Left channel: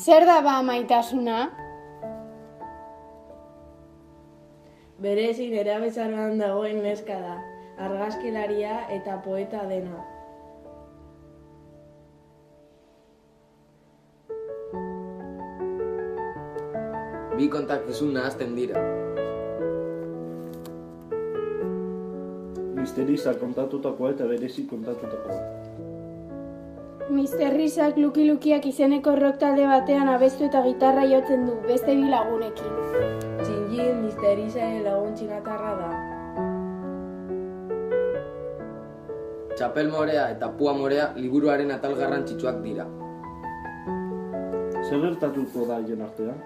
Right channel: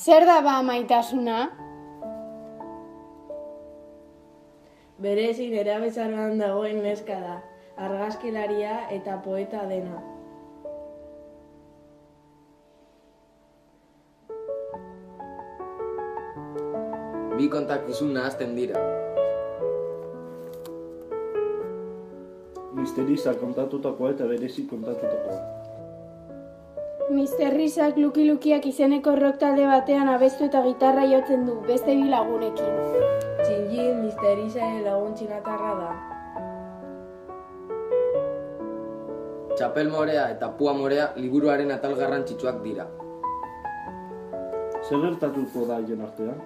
Zer da ba maitasuna? Berezi nerabezaroan dagoen neska da, argazkilaria eta poeta dena. Bi kontakizun nahazten dira. Misterisa kontatutakoa eta berezi kontatutakoa. Mister Risak Luki-Lukiak izeneko rock talde batean abestu eta gitarra jotzen du, beste bi lagunekin. Txinjin Misterisaren lagun txinatarra da. Txapel morea eta pua morea liburuaren atal garrantzitsuak dira. Zer gertatuko da haien artean?